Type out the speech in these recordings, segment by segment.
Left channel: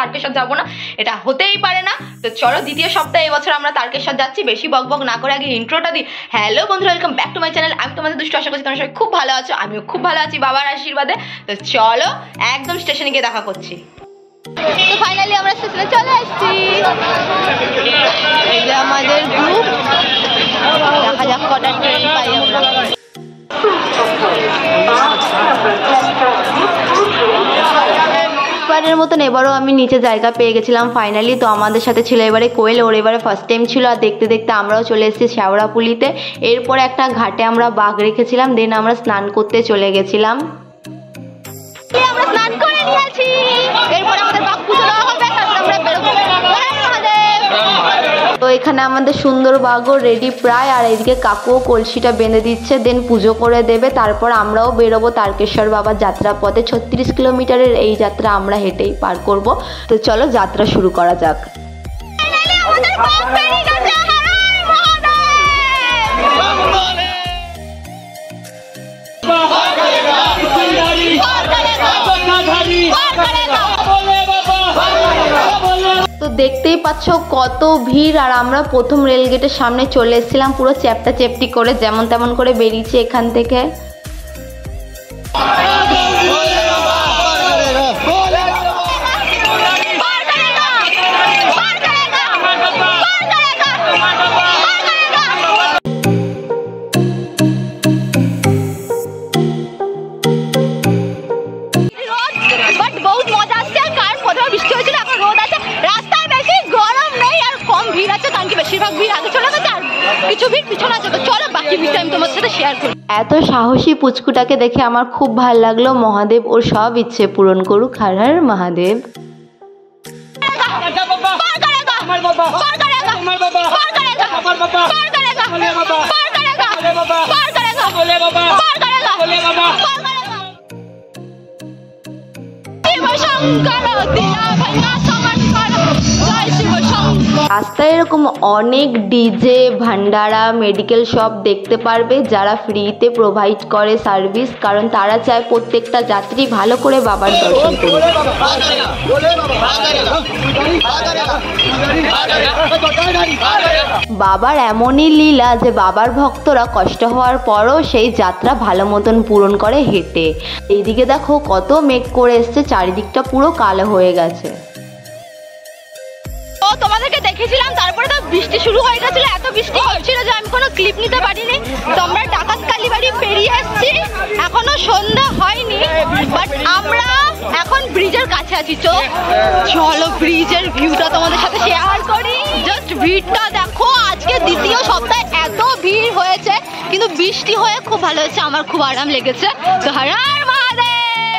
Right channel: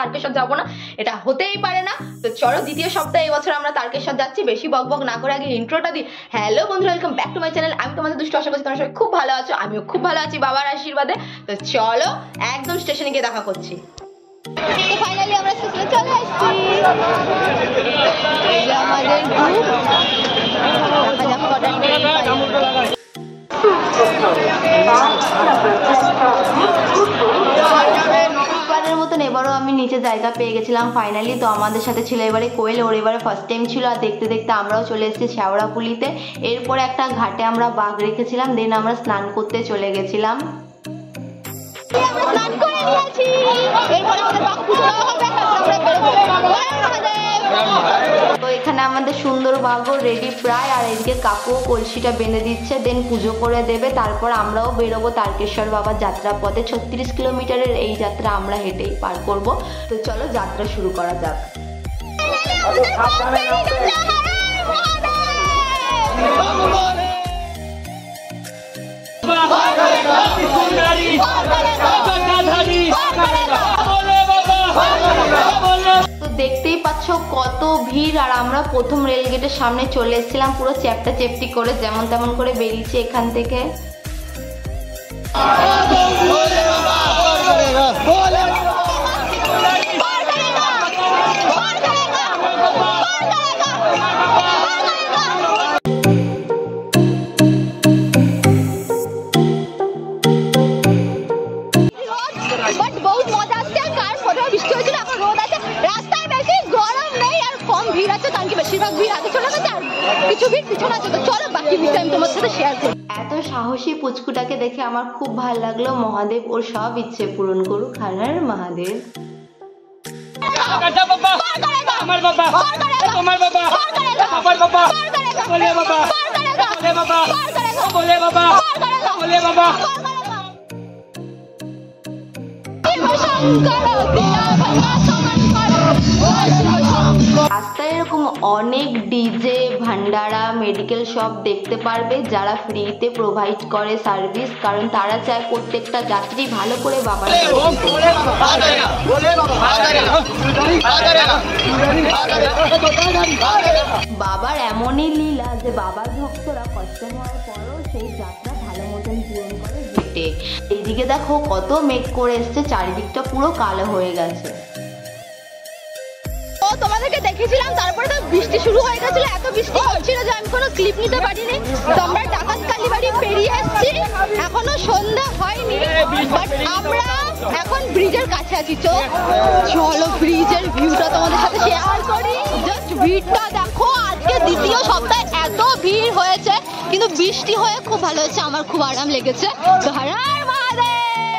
তারকেশ্বর যাবো না, এটা হতেই পারে না। তো চলো দ্বিতীয় সপ্তাহে এবছর আমরা তারকেশ্বর যাচ্ছি। বেশি বকবক না করে আগে ইন্ট্রোটা দিই। হ্যালো বন্ধুরা, welcome back to my channel. আমি তোমাদের দুষ্টু, আশা করছি তোমরা সবাই খুব ভালো আছো। আমিও খুব ভালো আছি বাবার আশীর্বাদে। তো চলো একদম স্টেশনে গিয়ে দেখা করছি। তো ফাইনালি আমরা স্টেশনে চলে আসছি। এই যে আমাদের গ্রুপ, দেখা যাক কটা ট্রেন পাই আমরা। এবারের মতন এবারও আমি নিচে জায়গা পেয়ে গেছিলাম ফাইনালি। তো আমাদের সাথে ছিল এবারে কোয়েল, ওর এবারে ফার্স্ট টাইম ছিল। আর দেখতে দেখতে আমরাও চলে এসেছি শ্যাওড়াপুলিতে। এরপরে একটা ঘাটে আমরা বাঘ রেখেছিলাম, দেন আমরা স্নান করতে চলে গেছিলাম। আমরা স্নান করে নিয়েছি, এরপরে আমাদের বাঘ পুজো দেওয়া হবে, তারপর আমরা বেরোবো। তো এখানে আমাদের সুন্দর বাঘও রেডি প্রায়, আর এদিকে কাকুও কলসিটা বেঁধে দিচ্ছে, দেন পুজো করে দেবে। তারপর আমরাও বেরোবো তারকেশ্বর বাবার যাত্রা পথে। 36 কিলোমিটারের এই যাত্রা আমরা হেঁটেই পার করব। তো চলো যাত্রা শুরু করা যাক। তো দেখতেই পাচ্ছ কত ভিড়, আর আমরা প্রথম রেলগেটের সামনে চলে এসেছিলাম পুরো চ্যাপটা চ্যাপটি করে, যেমন তেমন করে বেরিয়েছি এখান থেকে। এত সাহসী পুচকুটাকে দেখে আমার খুব ভালো লাগলো। মহাদেব ওর সব ইচ্ছে পূরণ করুক। হর হর মহাদেব। রাস্তায় এরকম অনেক ডিজে, ভান্ডারা, মেডিকেল শপ দেখতে পারবে, যারা ফ্রিতে প্রোভাইড করে সার্ভিস, কারণ তারা চায় প্রত্যেকটা যাত্রী ভালো করে বাবার দর্শন করুক। বাবার এমনই লীলা যে বাবার ভক্তরা কষ্ট হওয়ার পরও সেই যাত্রা ভালো মতন পূরণ করে হেঁটে। এইদিকে দেখো কত মেঘ করে এসছে, চারিদিকটা পুরো কালো হয়ে গেছে। তোমাদেরকে দেখেছিলাম, তারপরে তো বৃষ্টি শুরু হয়ে গেছিল, এত বৃষ্টি হচ্ছিল যে আমি কোনো ক্লিপ নিতে পারিনি। তো আমরা ডাকাত কালীবাড়ি পেরিয়ে এসেছি, এখনো সন্ধ্যা হয়নি, বাট আমরা এখন ব্রিজের কাছে আছি। চলো ব্রিজের ভিউটা তোমাদের সাথে শেয়ার করি। জাস্ট ভিড়টা দেখো, আজকে দ্বিতীয় সপ্তাহে এত ভিড় হয়েছে, কিন্তু বৃষ্টি হয়ে খুব ভালো হয়েছে, আমার খুব আরাম লেগেছে। তো হর হর মহাদেব।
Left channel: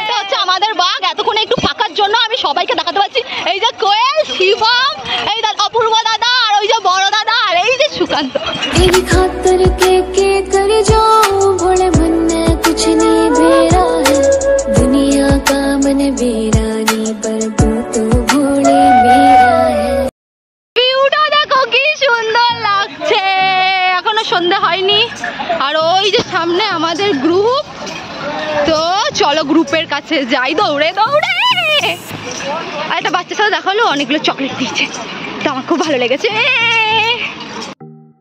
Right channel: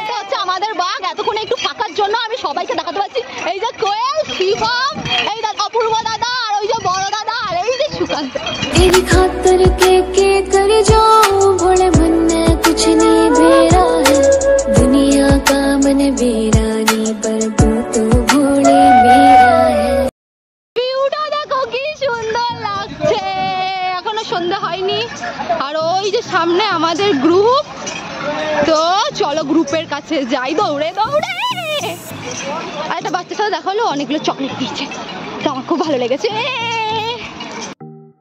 এটা হচ্ছে আমাদের বাঘ। এতক্ষণে একটু ফাঁকার জন্য আমি সবাইকে দেখাতে পারছি। এই যে কোয়েল, শিবম, এই অপূর্ব দাদা, আর ওই যে বড় দাদা, আর এই যে সুকান্ত। तेरी खातर के कर जाऊं, भोले मन में कुछ नहीं बेरा है, दुनिया का मन बेरानी, पर तू तो भोले मेरा है। ভিউটা দেখো কি সুন্দর লাগছে, এখনো সন্ধ্যা হয়নি। আর ওই যে সামনে আমাদের গ্রুপ। তো চলো গ্রুপের কাছে যাই দৌড়ে দৌড়ে। আর একটা বাচ্চার সাথে দেখা হলো, অনেকগুলো চকলেট দিয়েছে, তো আমার খুব ভালো লেগেছে।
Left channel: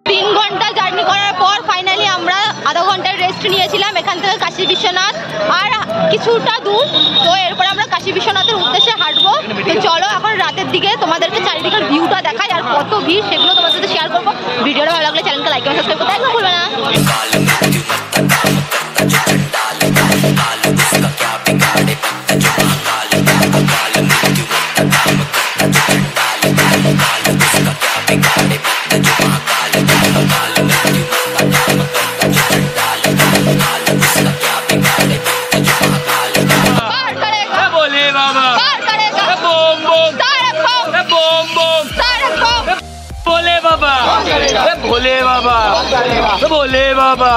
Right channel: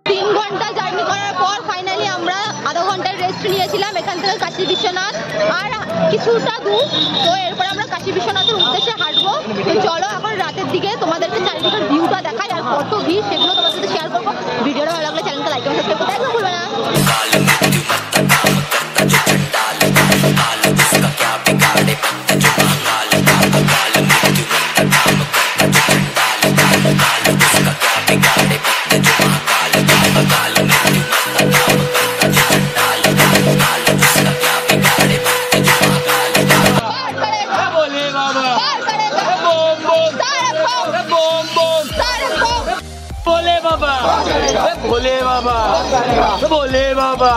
3 ঘন্টা জার্নি করার পর ফাইনালি আমরা আধা ঘন্টার রেস্ট নিয়েছিলাম এখান থেকে কাশী বিশ্বনাথ, আর কিছুটা দূর। তো এরপর আমরা কাশী বিশ্বনাথের উদ্দেশ্যে হাঁটবো। তো চলো এখন রাতের দিকে তোমাদেরকে চারিদিকের ভিউটা দেখাই, আর কত ভিড় সেগুলো তোমাদের সাথে শেয়ার করবো। ভিডিওটা ভালো লাগলে চ্যানেলকে লাইক এবং সাবস্ক্রাইব করতে একদম ভুলবে না। भोले बाबा, भोले बाबा,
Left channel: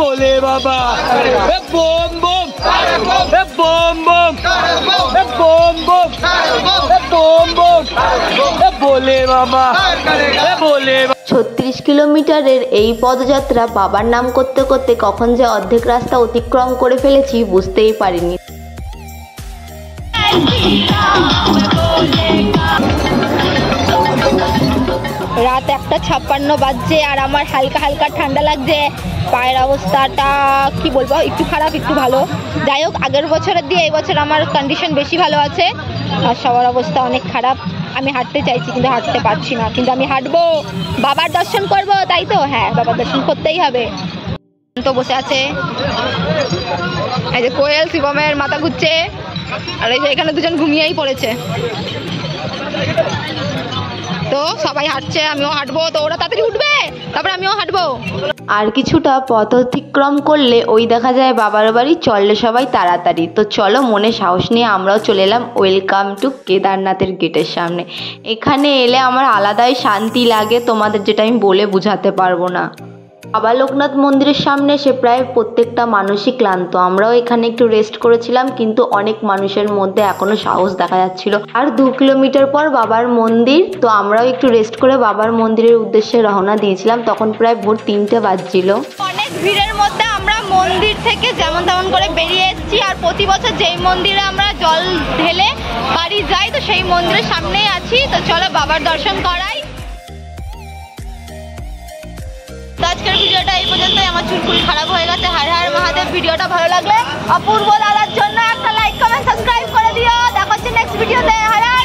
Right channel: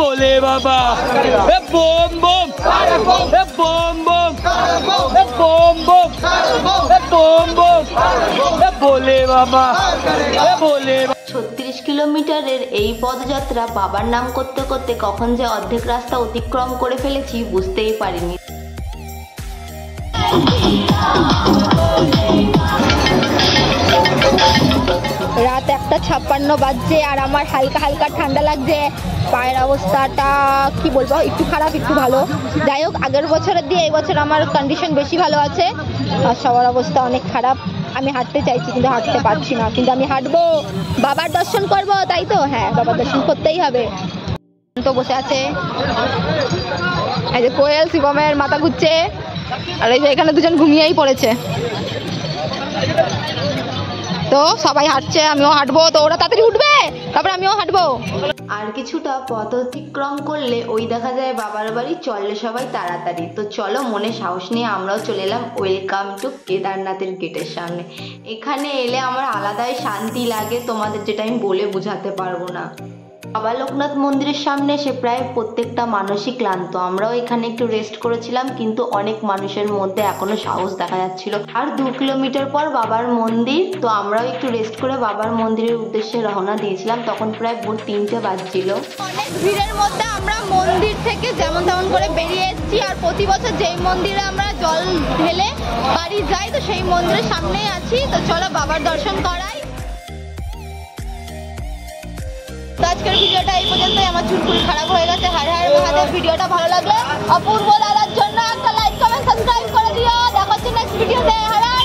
भोले बाबा, बोम बोम, बोम बोम, बोम बोम, बोम बोम, भोले बाबा, भोले बाबा। 36 কিলোমিটারের এই পদযাত্রা বাবার নাম করতে করতে কখন যে অর্ধেক রাস্তা অতিক্রম করে ফেলেছি বুঝতেই পারিনি। রাত 1:56 বাজছে আর আমার হালকা হালকা ঠান্ডা লাগছে। পায়ের অবস্থাটা কি বলবো, একটু খারাপ একটু ভালো। যাই হোক, আগের বছরের দিয়ে এই বছর আমার কন্ডিশন বেশি ভালো আছে আর সবার অবস্থা অনেক খারাপ। আমি হাঁটতে চাইছি কিন্তু হাঁটতে পারছি না, কিন্তু আমি হাঁটবো, বাবার দর্শন করব, তাই তো? হ্যাঁ, বাবার দর্শন করতেই হবে। তো বসে আছে এই যে কোয়েল, শিবমের মাথা ঘুরছে আর এই যে এখানে দুজন ঘুমিয়েই পড়েছে। তো সবাই হাঁটছে, আমিও হাঁটবো। তো ওরা তাড়াতাড়ি উঠবে, তারপর আমিও হাঁটবো। আর কিছুটা পথ অতিক্রম করলে ওই দেখা যায় বাবার বাড়ি, চললে সবাই তাড়াতাড়ি। তো চলো, মনে সাহস নিয়ে আমরাও চলে এলাম ওয়েলকাম টু কেদারনাথের গেটের সামনে। এখানে এলে আমার আলাদাই শান্তি লাগে, তোমাদের যেটা আমি বলে বোঝাতে পারবো না। বাবা লোকনাথ মন্দিরের সামনে এসে প্রায় প্রত্যেকটা মানুষই ক্লান্ত। আমরাও এখানে একটু রেস্ট করেছিলাম, কিন্তু অনেক মানুষের মধ্যে এখনো সাহস দেখা যাচ্ছিল। আর 2 কিলোমিটার পর বাবার মন্দির, তো আমরাও একটু রেস্ট করে বাবার মন্দিরের উদ্দেশ্যে রওনা দিয়েছিলাম। তখন প্রায় ভোর 3টে বাজছিল। অনেক ভিড়ের মধ্যে আমরা মন্দির থেকে যেমন তেমন করে বেরিয়ে এসেছি। আর প্রতি বছর যেই মন্দিরে আমরা জল ঢেলে বাড়ি যাই, তো সেই মন্দিরের সামনেই আছি। তো চলো বাবার দর্শন করাই। তো আজকের ভিডিওটা এই পর্যন্তই। আমার চুলকুল খারাপ হয়ে গেছে। হর হর মহাদেব। ভিডিওটা ভালো লাগলে অপূর্ব দাদার জন্য একটা লাইক, কমেন্ট, সাবস্ক্রাইব করে দিও। দেখা হচ্ছে নেক্সট ভিডিওতে। হর হর।